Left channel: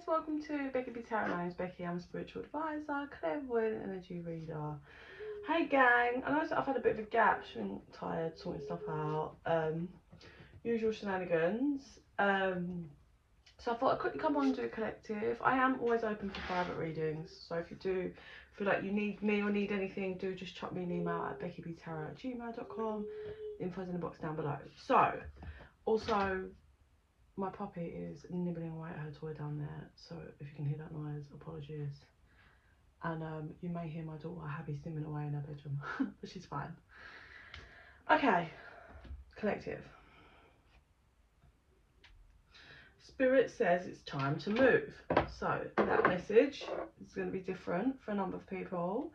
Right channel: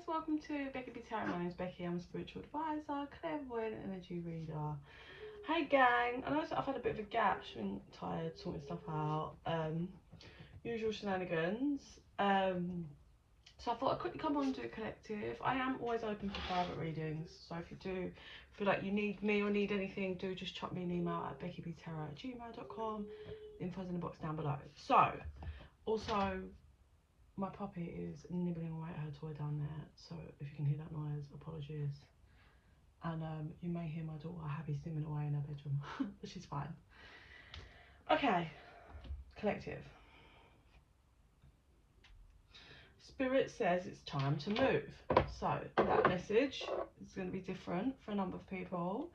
guys, welcome to bekibtarot. My name's Becky. I'm a spiritual advisor, clairvoyant energy reader. Hey gang, I know I've had a bit of a gap, just been tired, sorting stuff out, usual shenanigans. So I thought I'd quickly come on and do a collective. I am always open for private readings, so if you do feel like you need me or need anything, do just chuck me an email at bekibtarot@gmail.com. Info's in the box down below. So, also, my puppy is nibbling away at her toy down there, so if you can hear that noise, apologies. And you may hear my daughter Abby simming away in her bedroom, but she's fine. Okay, collective. Spirit says it's time to move. So that message is going to be different for a number of people.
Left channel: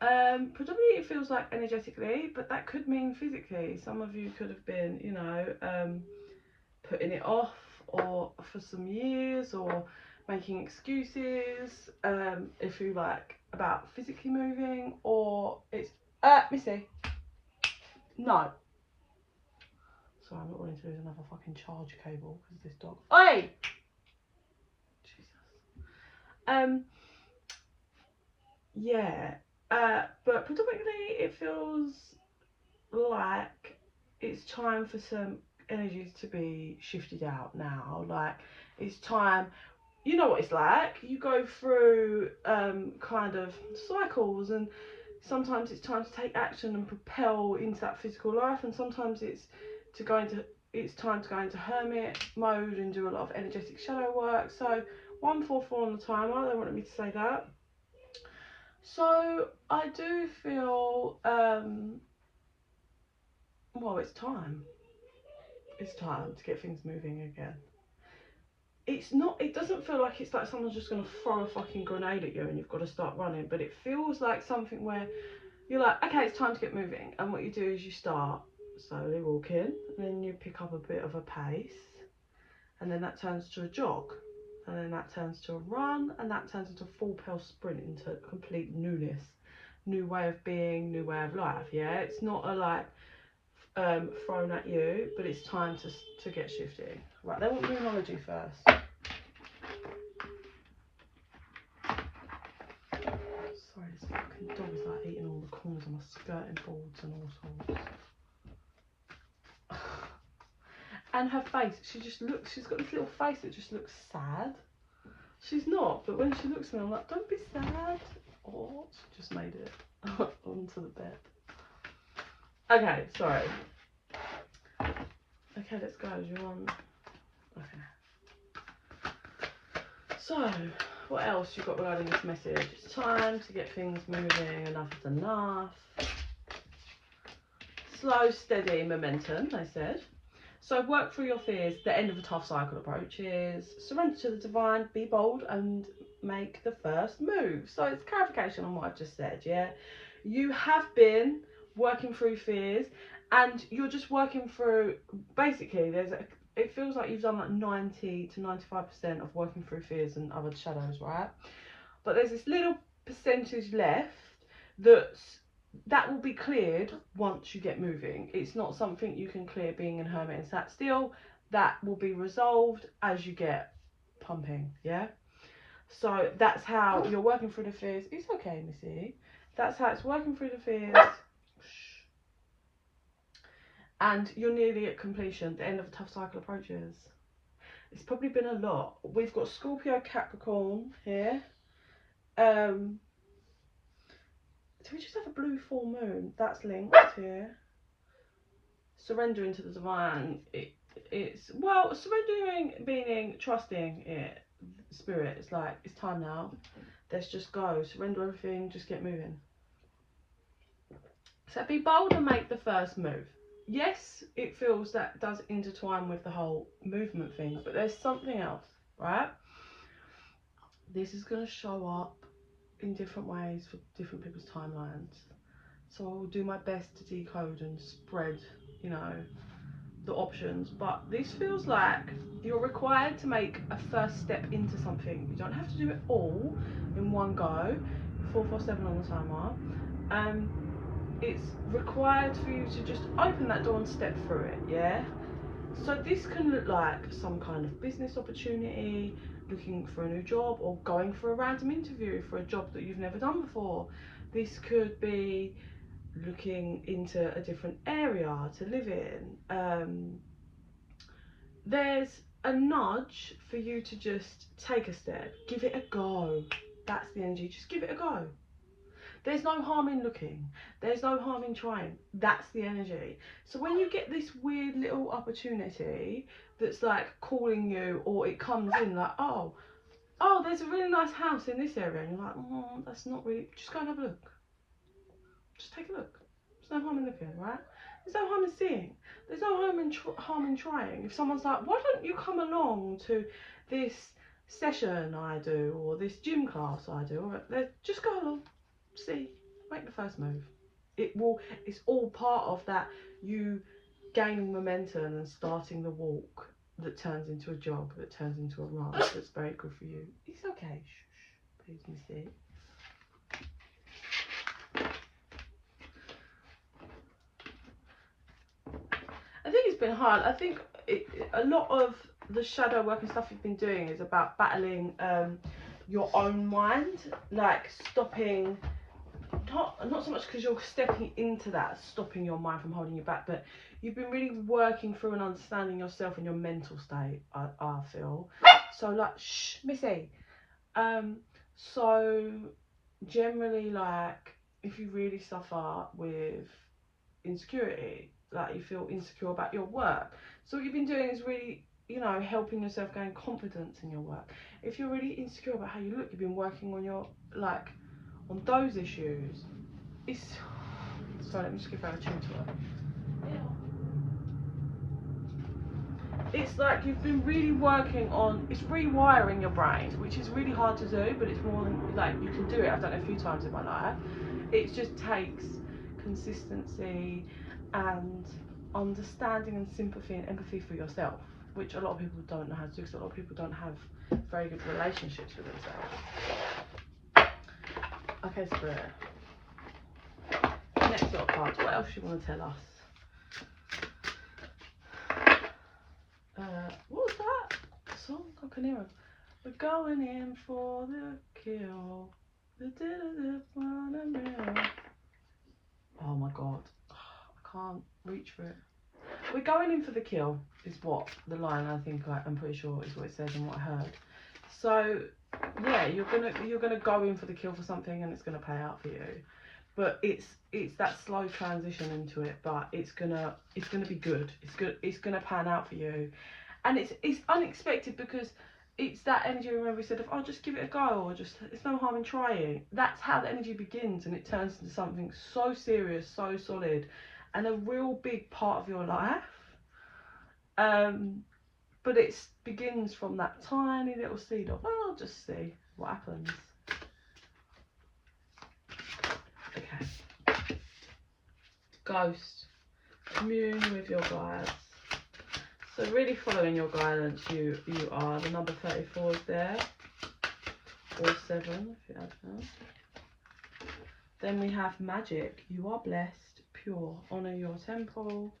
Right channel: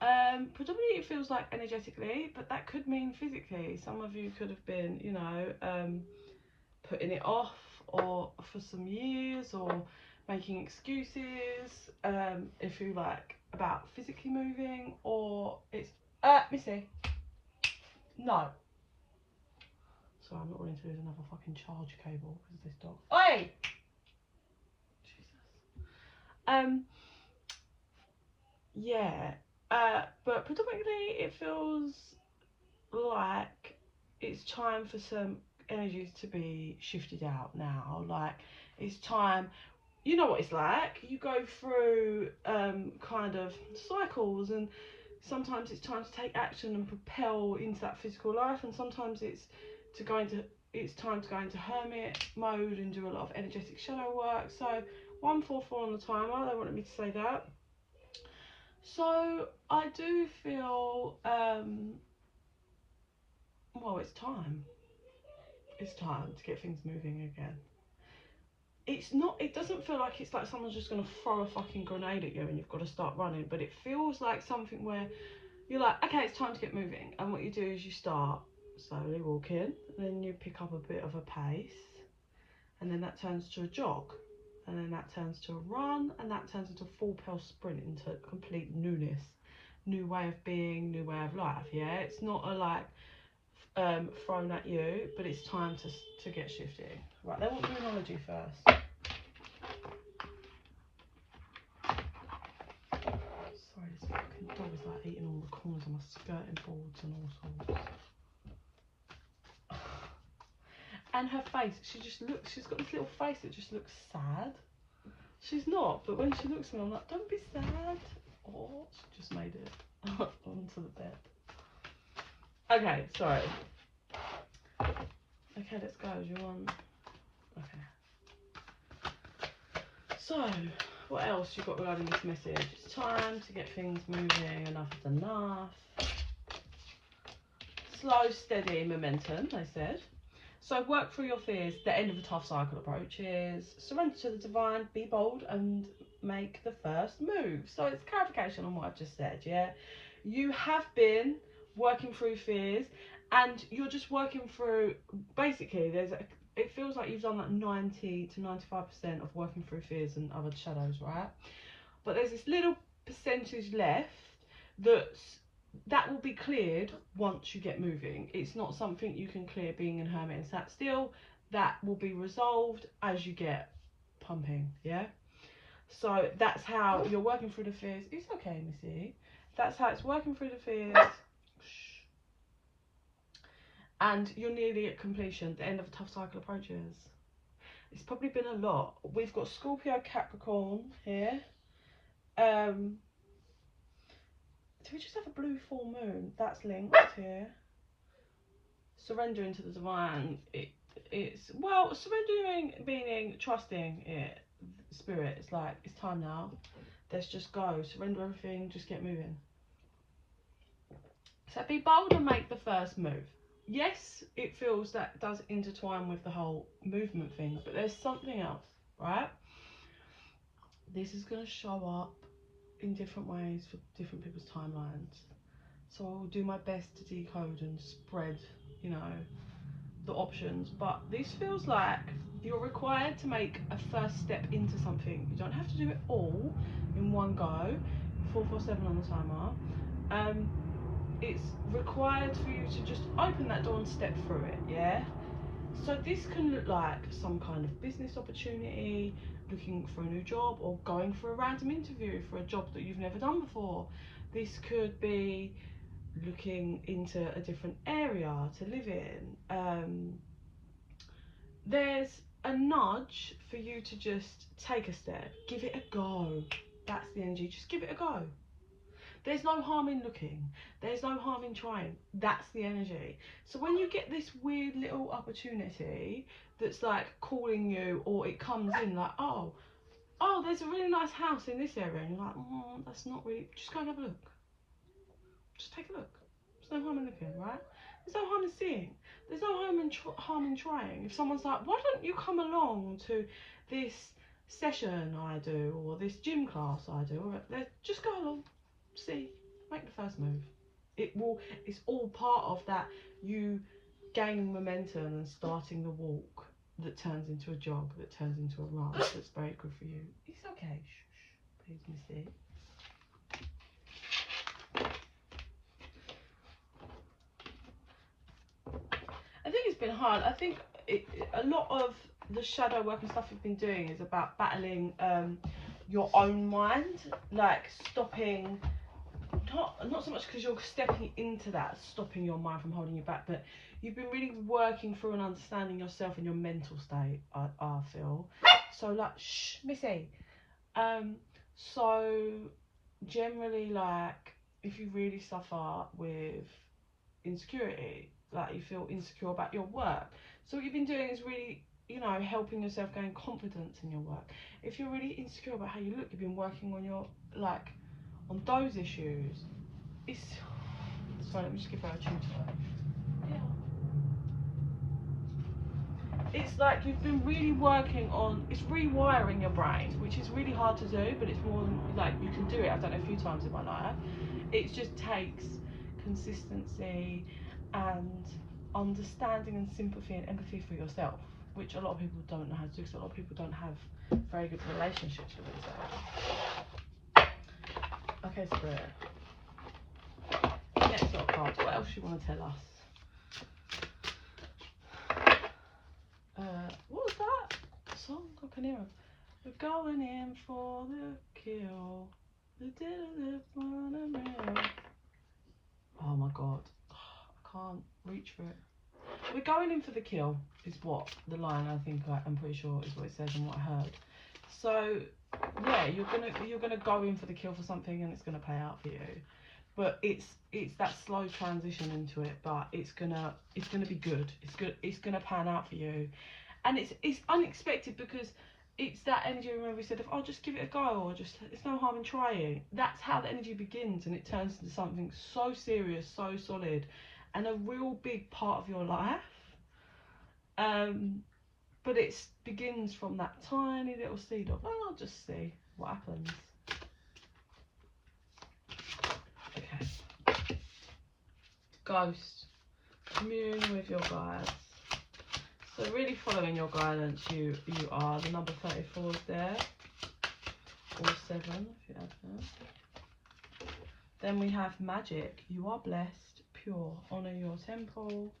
Predominantly it feels like energetically, but that could mean physically. Some of you could have been, you know, putting it off or for some years, or making excuses, if you like, about physically moving, or it's Missy, no, sorry, I'm not willing to lose another fucking charge cable because of this dog. Oi! Jesus. Yeah, but predominantly it feels like it's time for some energies to be shifted out now. Like, it's time, you know what it's like, you go through kind of cycles, and sometimes it's time to take action and propel into that physical life, and sometimes it's time to go into hermit mode and do a lot of energetic shadow work. So 144 on the timer, they wanted me to say that. So I do feel well, it's time to get things moving again. It doesn't feel like it's like someone's just going to throw a fucking grenade at you and you've got to start running, but it feels like something where you're like, okay, it's time to get moving, and what you do is you start slowly walking, and then you pick up a bit of a pace, and then that turns to a jog, and then that turns to a run, and that turns into a full pelt sprint, into complete newness, new way of being, new way of life. Yeah, it's not a like thrown at you, but it's time to get shifting. Right, they want numerology first. Sorry, this fucking dog is like eating all the corners of my skirting boards and all sorts. And her face, she's got this little face that just looks sad. She's not, but when she looks at me, I'm like, don't be sad. Oh, she just made it onto the bed. Okay, so. Okay, let's go. You're on. Okay. So, what else you got regarding this message? It's time to get things moving. Enough is enough. Slow, steady momentum, they said. So work through your fears. The end of a tough cycle approaches. Surrender to the divine. Be bold and make the first move. So it's clarification on what I've just said. Yeah, you have been working through fears, and you're just working through. Basically, it feels like you've done like 90 to 95% of working through fears and other shadows, right? But there's this little percentage left that will be cleared once you get moving. It's not something you can clear being in hermit and sat still. That will be resolved as you get pumping. Yeah, so that's how you're working through the fears. It's okay, Missy. That's how it's working through the fears. And you're nearly at completion. The end of a tough cycle approaches. It's probably been a lot. We've got Scorpio, Capricorn here. So we just have a blue full moon. That's linked here. Surrendering to the divine. It's well, surrendering meaning trusting it. Spirit. It's like, it's time now. Let's just go. Surrender everything. Just get moving. So be bold and make the first move. Yes, it feels that does intertwine with the whole movement thing, but there's something else, right? This is going to show up in different ways for different people's timelines. So I will do my best to decode and spread, you know, the options. But this feels like you're required to make a first step into something. You don't have to do it all in one go. 447 on the timer. It's required for you to just open that door and step through it, yeah? So this can look like some kind of business opportunity, looking for a new job or going for a random interview for a job that you've never done before. This could be looking into a different area to live in. There's a nudge for you to just take a step, give it a go. That's the energy, just give it a go. There's no harm in looking, there's no harm in trying. That's the energy. So when you get this weird little opportunity that's like calling you, or it comes in like, oh, there's a really nice house in this area, and you're like, that's not really, just go and have a look. Just take a look. There's no harm in looking, right? There's no harm in seeing. There's no harm in trying. If someone's like, why don't you come along to this session I do, or this gym class I do, or just go along, see, make the first move. It's all part of that, you gaining momentum and starting the walk that turns into a jog, that turns into a run, that's very good for you. It's okay, shh, please, Missy. I think it's been hard. I think a lot of the shadow work and stuff you've been doing is about battling your own mind, like stopping, not so much because you're stepping into that, stopping your mind from holding you back, but you've been really working through and understanding yourself and your mental state, I feel. So like, shh, Missy. So generally, like, if you really suffer with insecurity, like you feel insecure about your work, so what you've been doing is really, you know, helping yourself gain confidence in your work. If you're really insecure about how you look, you've been working on your, like, on those issues. It's, sorry, let me just give her a tune to it. It's like you've been really working on, it's rewiring your brain, which is really hard to do, but it's more than, like, you can do it. I've done it a few times in my life. It just takes consistency and understanding and sympathy and empathy for yourself, which a lot of people don't know how to do, because a lot of people don't have very good relationships with themselves. Okay, Spirit. Next lot of cards. What else do you want to tell us? What was that song? I can hear it. We're going in for the kill. Oh my god. I can't reach for it. We're going in for the kill is what the line, I think, I'm pretty sure is what it says and what I heard. So yeah, you're gonna go in for the kill for something, and it's gonna pay out for you. But it's that slow transition into it, but it's gonna be good. It's gonna pan out for you, and it's unexpected, because it's that energy. Remember we said, of, oh, just give it a go, or just, it's no harm in trying. That's how the energy begins, and it turns into something so serious, so solid, and a real big part of your life. But it begins from that tiny little seed of, oh, I'll just see what happens. Okay. Ghost. Commune with your guides. So really following your guidance, you are. The number 34 is there. Or 7 if you add that. Then we have magic. You are blessed, pure. Honour your temple.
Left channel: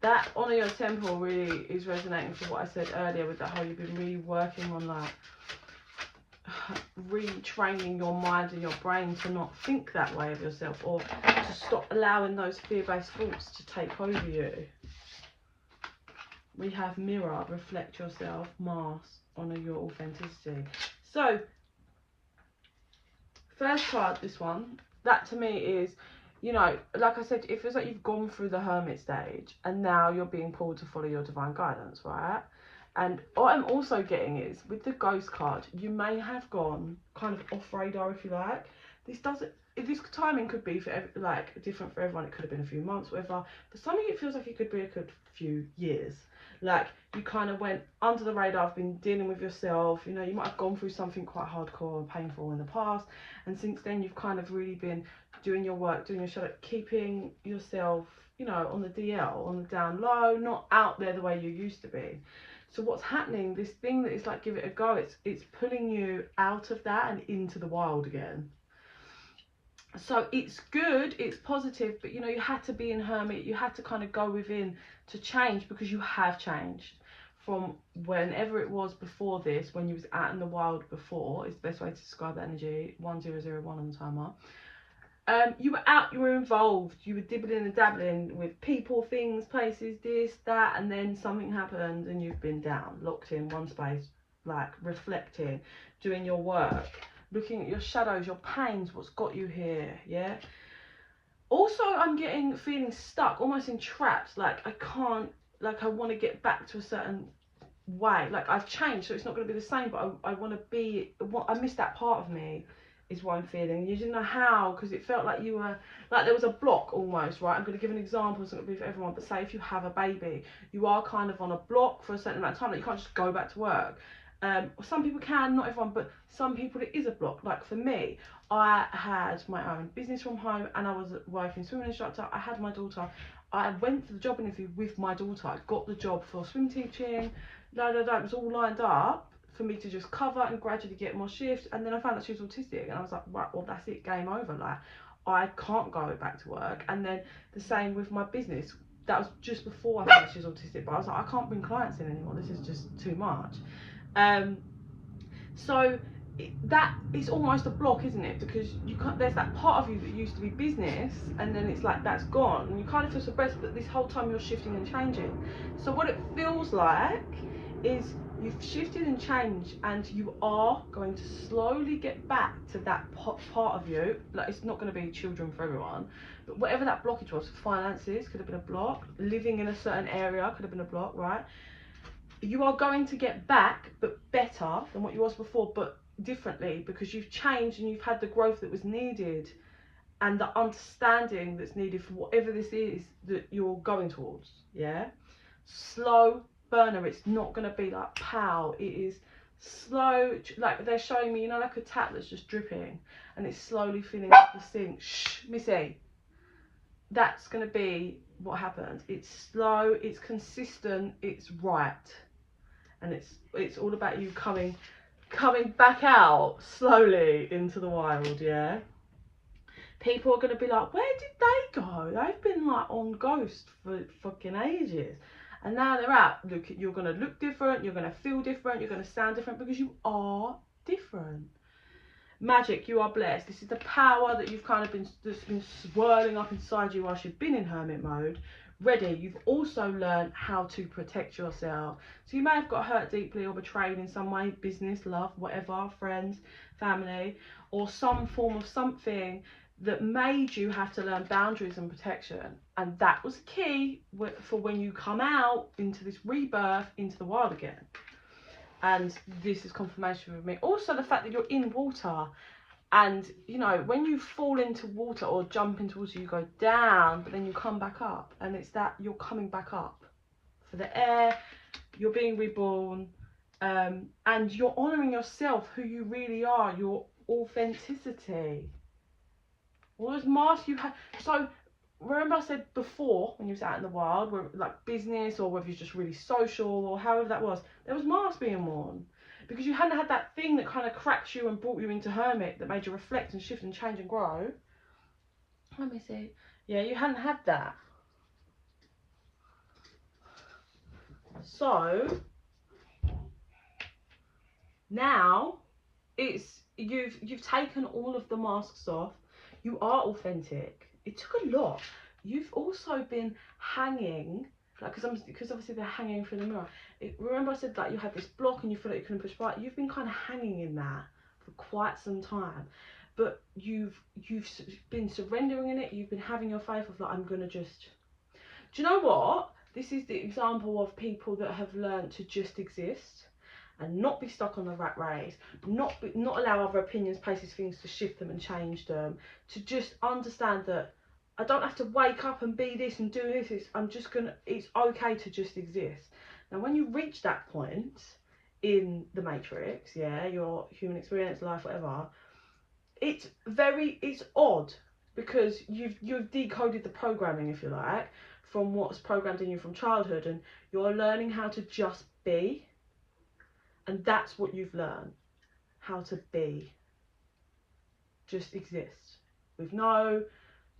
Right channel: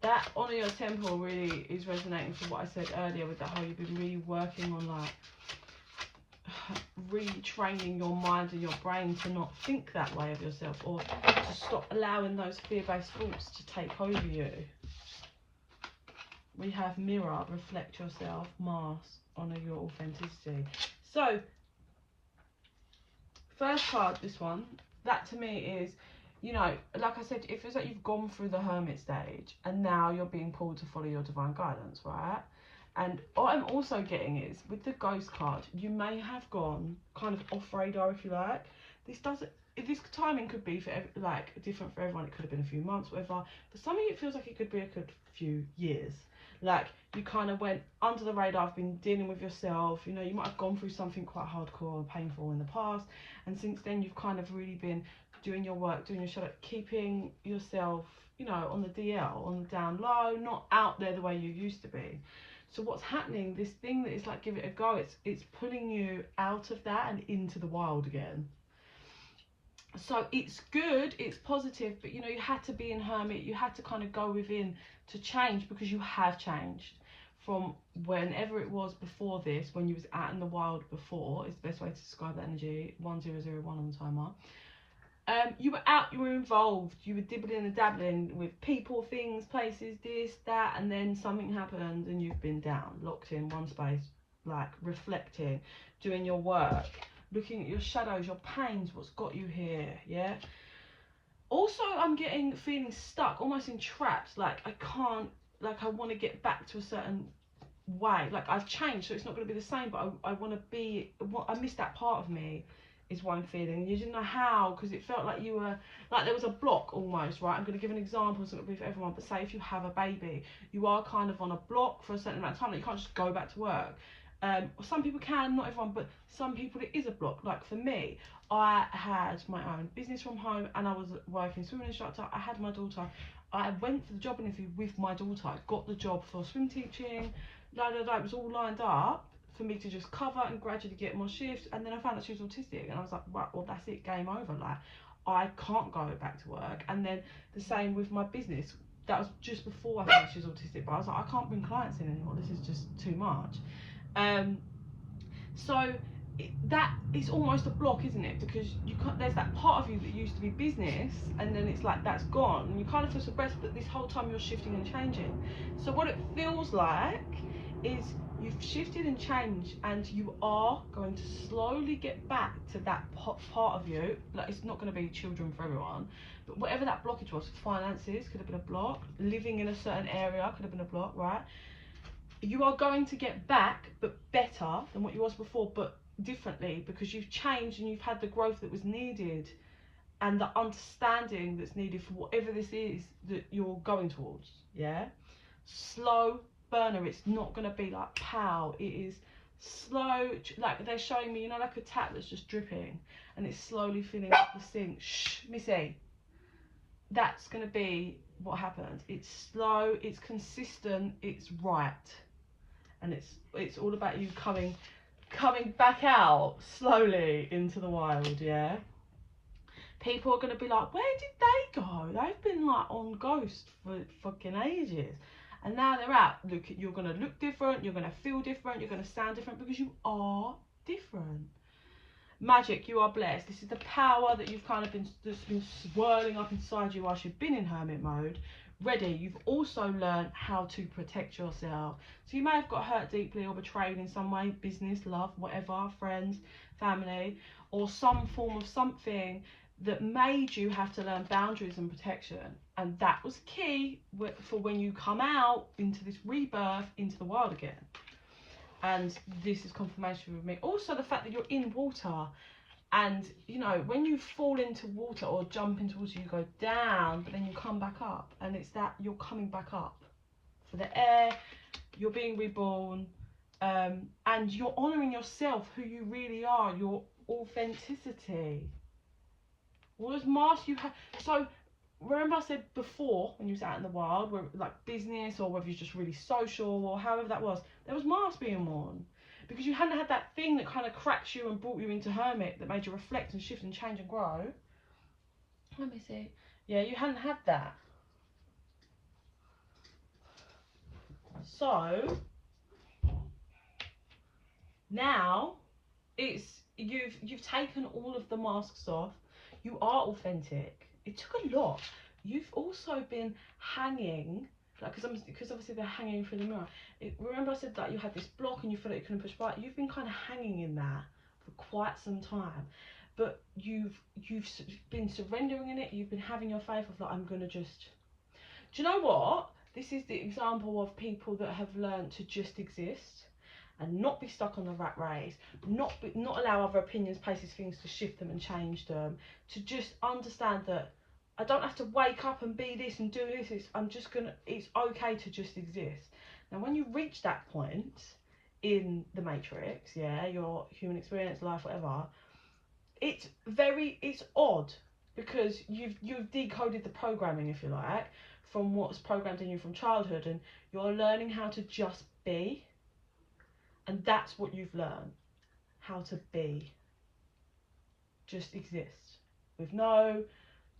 That honour your temple really is resonating for what I said earlier, with the whole, you've been really working on, like, retraining your mind and your brain to not think that way of yourself, or to stop allowing those fear-based thoughts to take over you. We have mirror, reflect yourself, mask, honour your authenticity. So first card, this one, that to me is, you know, like I said, it feels like you've gone through the hermit stage and now you're being pulled to follow your divine guidance, right? And what I'm also getting is, with the ghost card, you may have gone kind of off radar, if you like. This timing could be different for everyone. It could have been a few months, whatever. For some of you, it feels like it could be a good few years. Like, you kind of went under the radar, have been dealing with yourself. You know, you might have gone through something quite hardcore and painful in the past, and since then you've kind of really been doing your work, doing your shadow, keeping yourself, you know, on the DL, on the down low, not out there the way you used to be. So what's happening, this thing that is like, give it a go, it's pulling you out of that and into the wild again. So it's good, it's positive, but you know, you had to be in hermit, you had to kind of go within to change, because you have changed from whenever it was before this, when you was out in the wild before, is the best way to describe that energy, 1001 on the timer. You were out, you were involved, you were dibbling and dabbling with people, things, places, this, that, and then something happened and you've been down, locked in one space, like reflecting, doing your work, looking at your shadows, your pains, what's got you here, yeah? Also, I'm feeling stuck, almost entrapped, like I can't, like I want to get back to a certain way, like I've changed, so it's not going to be the same, but I want to be, I miss that part of me, is what I'm feeling. You didn't know how, because it felt like you were, like there was a block almost, right? I'm going to give an example, it's not going to be for everyone, but say if you have a baby, you are kind of on a block for a certain amount of time, like you can't just go back to work. Some people can, not everyone, but some people it is a block. Like for me, I had my own business from home and I was working swimming instructor. I had my daughter. I went for the job interview with my daughter. I got the job for swim teaching. It was all lined up for me to just cover and gradually get more shifts. And then I found that she was autistic and I was like, right, well, that's it, game over. Like I can't go back to work. And then the same with my business. That was just before I found she was autistic, but I was like, I can't bring clients in anymore. This is just too much. So that is almost a block, isn't it? Because you can't, there's that part of you that used to be business and then it's like that's gone and you kind of feel suppressed, but this whole time you're shifting and changing. So what it feels like is you've shifted and changed and you are going to slowly get back to that part of you. Like it's not going to be children for everyone, but whatever that blockage was, finances could have been a block, living in a certain area could have been a block, right? You are going to get back, but better than what you was before, but differently, because you've changed and you've had the growth that was needed and the understanding that's needed for whatever this is that you're going towards, yeah? Slow burner, it's not going to be like pow, it is slow, like they're showing me, you know, like a tap that's just dripping and it's slowly filling up the sink. Shh, Missy. That's going to be what happens. It's slow, it's consistent, it's right. And it's all about you coming back out slowly into the wild, yeah? People are going to be like, where did they go? They've been like on ghost for fucking ages. And now they're out. Look, you're going to look different, you're going to feel different, you're going to sound different because you are different. Magic, you are blessed. This is the power that you've kind of that's been swirling up inside you whilst you've been in hermit mode. Ready. You've also learned how to protect yourself. So you may have got hurt deeply or betrayed in some way, business, love, whatever, friends, family, or some form of something that made you have to learn boundaries and protection. And that was key for when you come out into this rebirth into the world again. And this is confirmation with me. Also the fact that you're in water. And, you know, when you fall into water or jump into water, you go down, but then you come back up. And it's that you're coming back up for the air, you're being reborn, and you're honouring yourself, who you really are, your authenticity. All those masks you have. So, remember I said before, when you was out in the wild, where, like business or whether you're just really social or however that was, there was masks being worn. Because you hadn't had that thing that kind of cracks you and brought you into hermit that made you reflect and shift and change and grow. Let me see. Yeah, you hadn't had that. So now it's you've taken all of the masks off. You are authentic. It took a lot. You've also been hanging, like because obviously they're hanging through the mirror. Remember I said that you had this block and you feel like you couldn't push right. You've been kind of hanging in that for quite some time, but you've been surrendering in it. You've been having your faith of like, I'm gonna just. Do you know what? This is the example of people that have learned to just exist and not be stuck on the rat race, not allow other opinions, places, things to shift them and change them. To just understand that I don't have to wake up and be this and do this. It's okay to just exist. Now, when you reach that point in the matrix, yeah, your human experience, life, whatever, it's odd because you've decoded the programming, if you like, from what's programmed in you from childhood, and you're learning how to just be. And that's what you've learned, how to be, just exist with no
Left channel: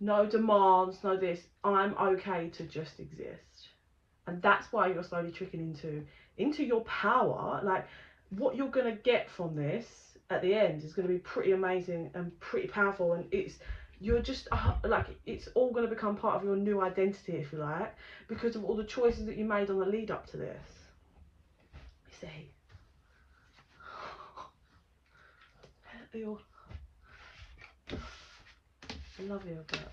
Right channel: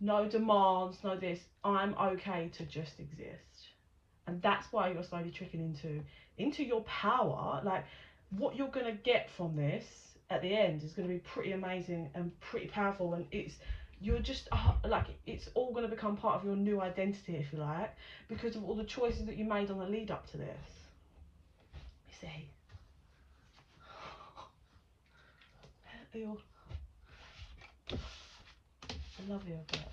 demands, no this. I'm okay to just exist. And that's why you're slowly tricking into into your power. Like, what you're going to get from this at the end is going to be pretty amazing and pretty powerful, and you're just like, it's all going to become part of your new identity, if you like, because of all the choices that you made on the lead up to this. You see, I love you, but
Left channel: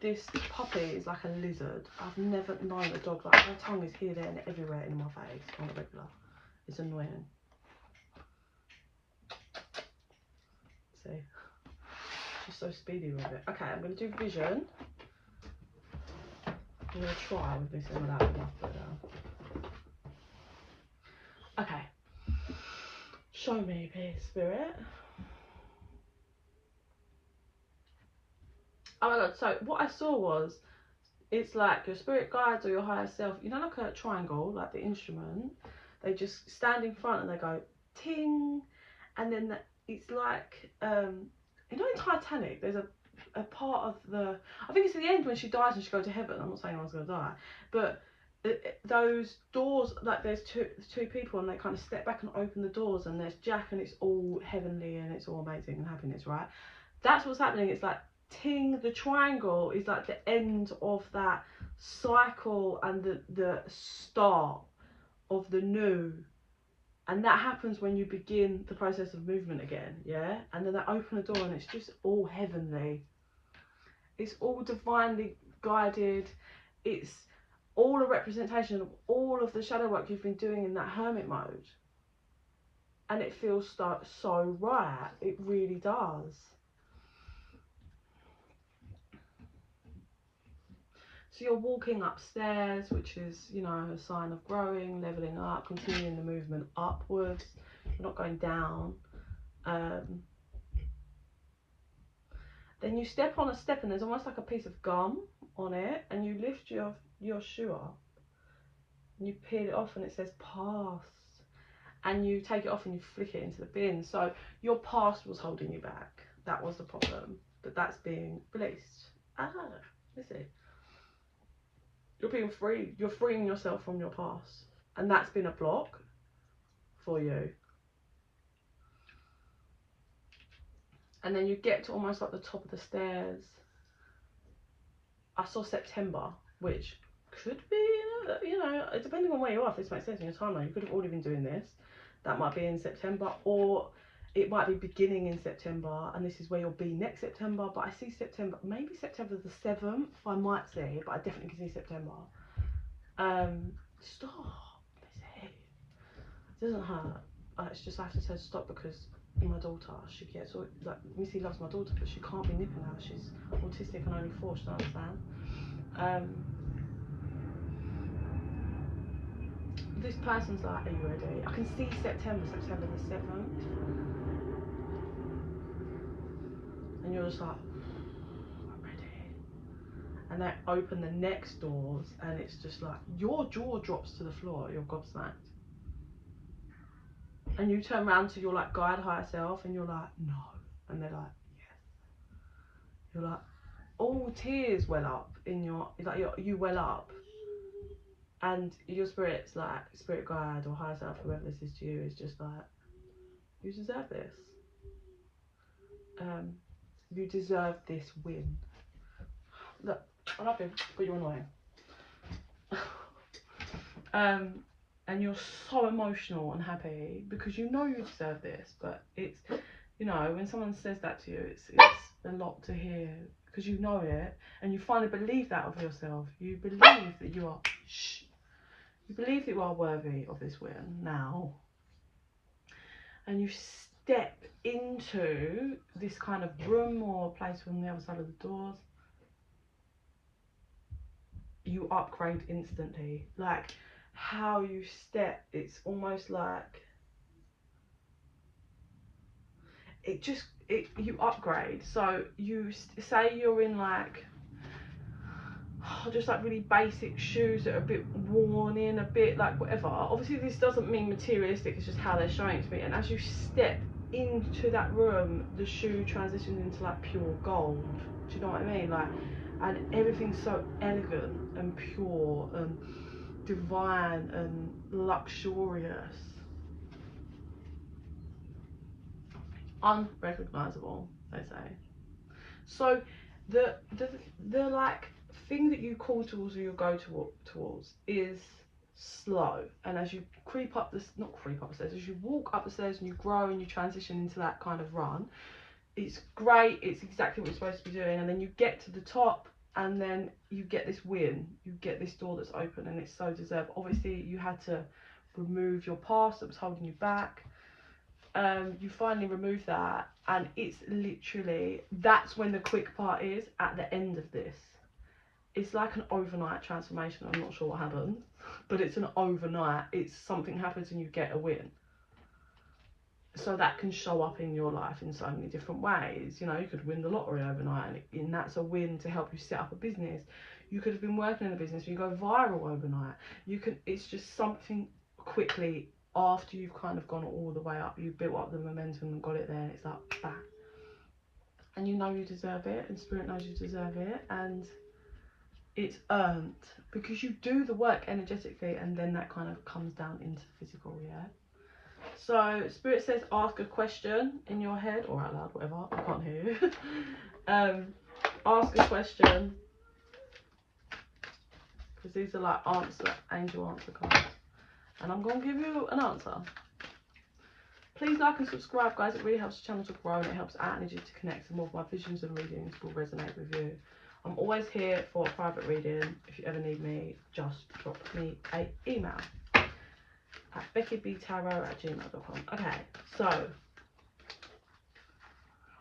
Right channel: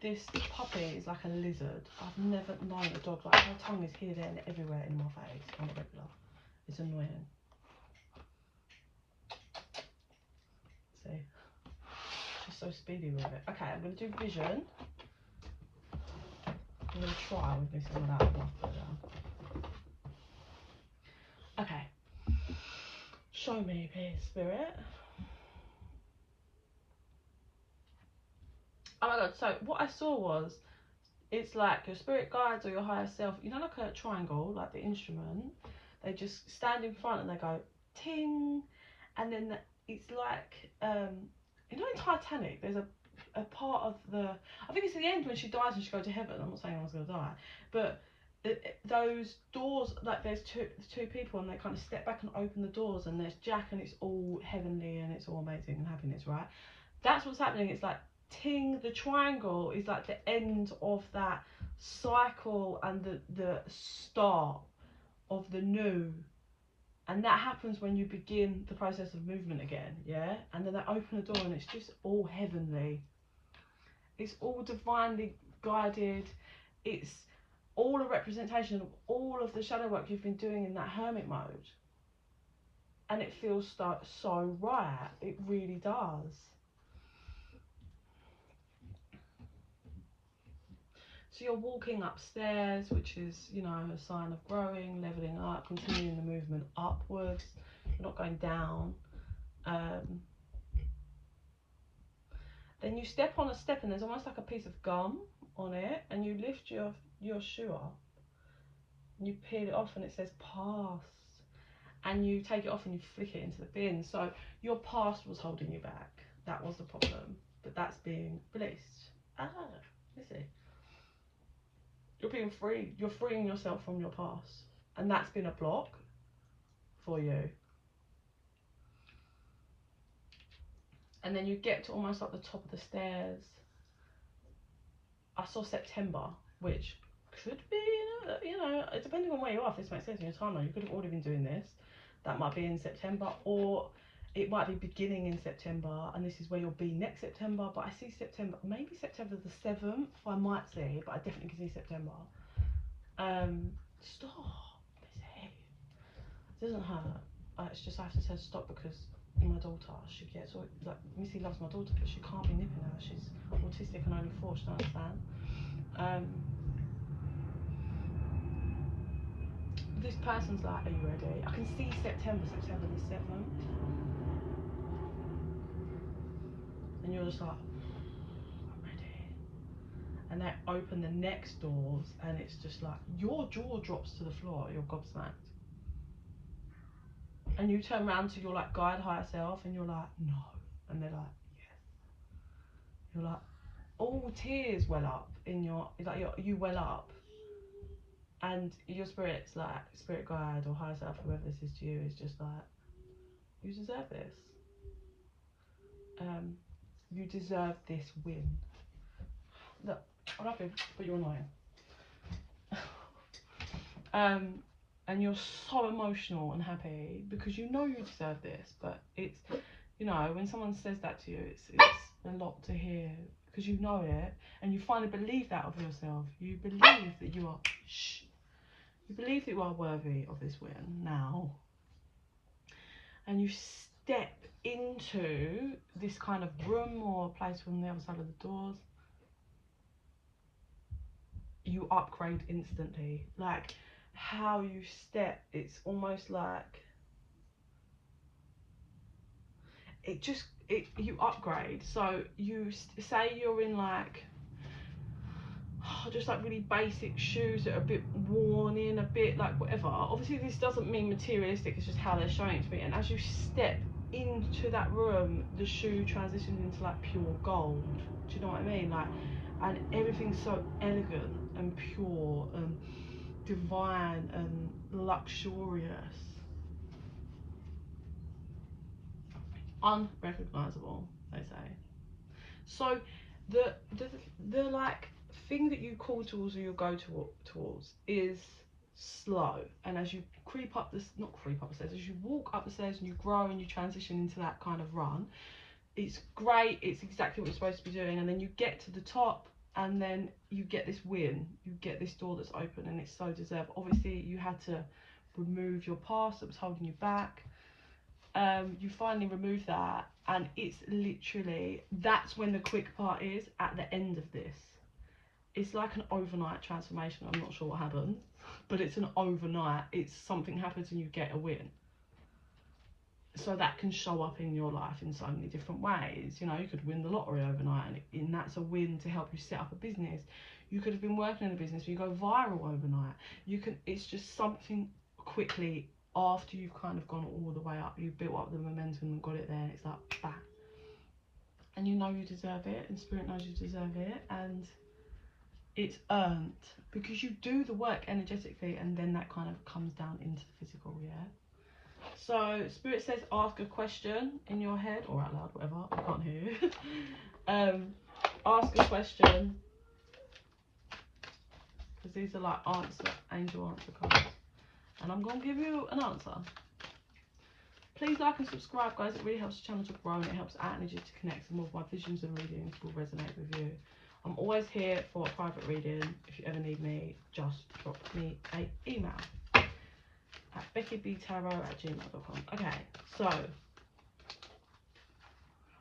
this puppy is like a lizard. I've never known a dog like, her tongue is here, there and everywhere in my face on a regular. It's annoying. See, she's so speedy with it. Okay, I'm going to do vision. I'm going to try with me some of that. Put it down. Okay. Show me, please, spirit. Oh my god, so what I saw was, it's like your spirit guides or your higher self, you know, like a triangle, like the instrument, they just stand in front and they go ting, and then it's like, you know, in Titanic, there's a part of the, I think it's at the end when she dies and she goes to heaven. I'm not saying anyone's going to die, but those doors, like there's two people and they kind of step back and open the doors, and there's Jack and it's all heavenly and it's all amazing and happiness, right? That's what's happening. It's like ting, the triangle is like the end of that cycle and the start of the new, and that happens when you begin the process of movement again, yeah? And then they open the door and it's just all heavenly, it's all divinely guided, it's all a representation of all of the shadow work you've been doing in that hermit mode, and it feels so right. It really does. So you're walking upstairs, which is, you know, a sign of growing, leveling up, continuing the movement upwards. You're not going down. Then you step on a step and there's almost like a piece of gum on it, and you lift your shoe up and you peel it off and it says past, and you take it off and you flick it into the bin. So your past was holding you back. That was the problem, but that's being released. You see, you're being free. You're freeing yourself from your past, and that's been a block for you. And then you get to almost like the top of the stairs. I saw September, which could be, you know, depending on where you are, if this makes sense in your timeline, you could have already been doing this. That might be in September, or it might be beginning in September, and this is where you'll be next September. But I see September, maybe September the 7th, I might see, but I definitely can see September. Stop, it doesn't hurt. It's just I have to say stop because my daughter, she gets all, like, Missy loves my daughter, but she can't be nipping her. She's autistic and only 4, she don't understand. This person's like, are you ready? I can see September the 7th. And you're just like, I'm ready. And they open the next doors and it's just like, your jaw drops to the floor, you're gobsmacked. And you turn around to your like guide higher self and you're like, no. And they're like, yes. You're like, all tears well up in your, like you well up. And your spirit's like, spirit guide or higher self, whoever this is to you, is just like, you deserve this. You deserve this win. Look, I love you, but you're annoying. And you're so emotional and happy because you know you deserve this, but it's, you know, when someone says that to you, it's a lot to hear because you know it and you finally believe that of yourself. You believe that you are, you believe that you are worthy of this win now. And you step into this kind of room or place from the other side of the doors. You upgrade instantly. Like, how you step, it's almost like you upgrade. So you say you're in like just like really basic shoes that are a bit worn in, a bit like whatever. Obviously this doesn't mean materialistic, it's just how they're showing it to me. And as you step into that room, the shoe transitions into like pure gold. Do you know what I mean? Like, and everything's so elegant and pure, and divine and luxurious, unrecognizable, they say. So the like thing that you call towards or you go towards is slow, and as you creep up the not creep up the stairs, as you walk up the stairs and you grow and you transition into that kind of run, it's great, it's exactly what you're supposed to be doing, and then you get to the top and then you get this win, you get this door that's open, and it's so deserved. Obviously you had to remove your past that was holding you back. You finally remove that, and it's literally, that's when the quick part is at the end of this. It's like an overnight transformation. I'm not sure what happens, but it's an overnight, it's something happens and you get a win. So that can show up in your life in so many different ways. You know, you could win the lottery overnight, and that's a win to help you set up a business. You could have been working in a business, you go viral overnight. You can, it's just something quickly after you've kind of gone all the way up, you built up the momentum and got it there, it's like bang, and you know you deserve it, and spirit knows you deserve it, and it's earned because you do the work energetically, and then that kind of comes down into the physical. Yeah, so spirit says ask a question in your head or out loud, whatever, I can't hear you. Ask a question, because these are like angel answer cards. And I'm going to give you an answer. Please like and subscribe, guys. It really helps the channel to grow, and it helps our energy to connect, and more of my visions and readings will resonate with you. I'm always here for a private reading. If you ever need me, just drop me an email at bekibtarot@gmail.com. Okay, so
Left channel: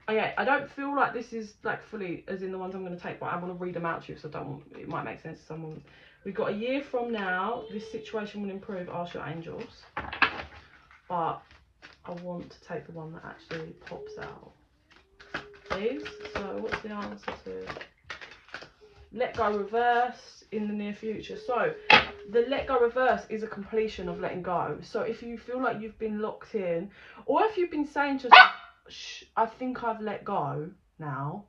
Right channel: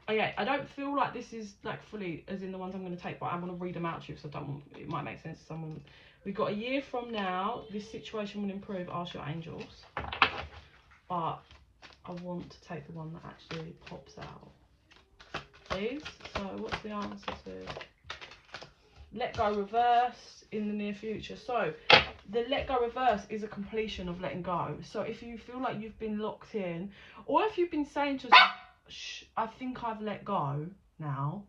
okay, I don't feel like this is like fully as in the ones I'm going to take, but I'm going to read them out to you, so I don't want, it might make sense to someone. We've got a year from now, this situation will improve, ask your angels. But I want to take the one that actually pops out. Please. So what's the answer to let go reverse in the near future? So the let go reverse is a completion of letting go. So if you feel like you've been locked in, or if you've been saying to yourself, shh, I think I've let go now.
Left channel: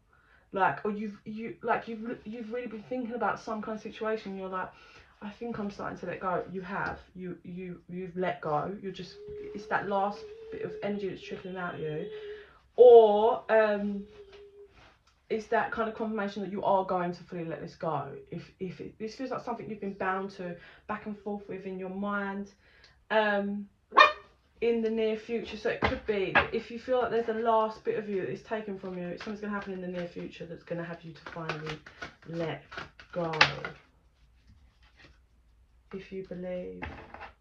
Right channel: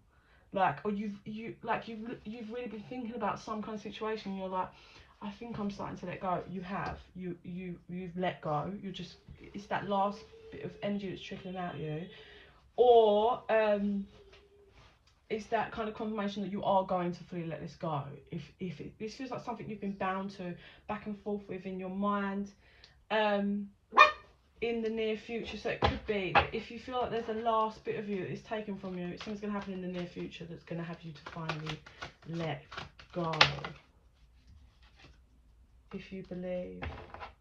Like, or you've really been thinking about some kind of situation, you're like, I think I'm starting to let go. You have, you've let go. You're just, it's that last bit of energy that's trickling out of you, or it's that kind of confirmation that you are going to fully let this go. If this feels like something you've been bound to back and forth with in your mind, in the near future. So it could be if you feel like there's a last bit of you that is taken from you, something's going to happen in the near future that's going to have you to finally let go. If you believe,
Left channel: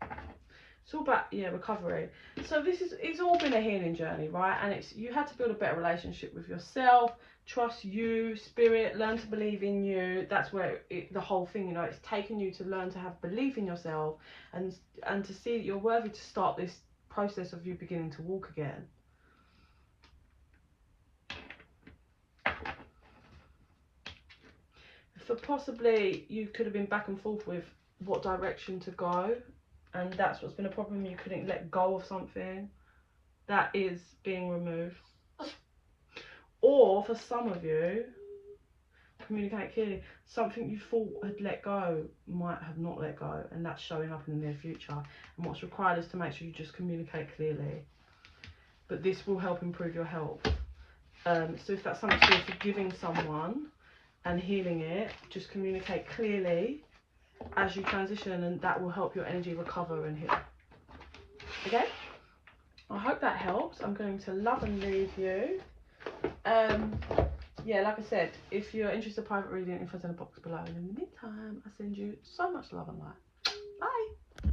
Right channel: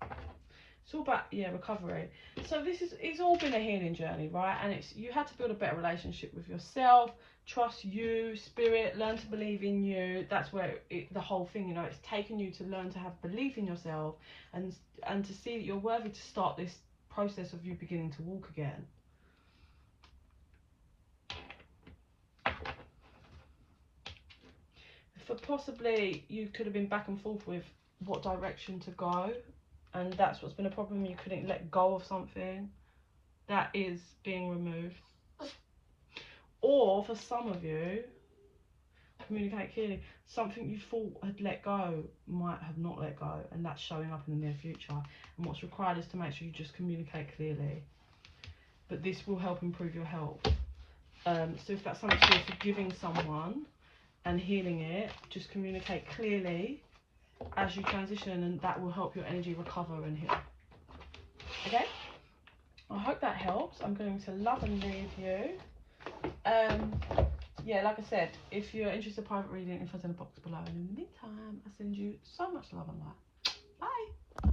it's all about, yeah, recovery. So this is, it's all been a healing journey, right? And it's, you had to build a better relationship with yourself, trust you, spirit, learn to believe in you. That's where the whole thing, you know, it's taken you to learn to have belief in yourself, and to see that you're worthy to start this process of you beginning to walk again. For possibly you could have been back and forth with what direction to go, and that's what's been a problem. You couldn't let go of something that is being removed. Or for some of you, communicate clearly, something you thought had let go might have not let go, and that's showing up in the near future. And what's required is to make sure you just communicate clearly. But this will help improve your health. So if that's something you're forgiving someone and healing it, just communicate clearly as you transition, and that will help your energy recover and heal. Okay, I hope that helps. I'm going to love and leave you. Yeah, like I said, if you're interested in private reading, info's in the box below, and in the meantime I send you so much love and light.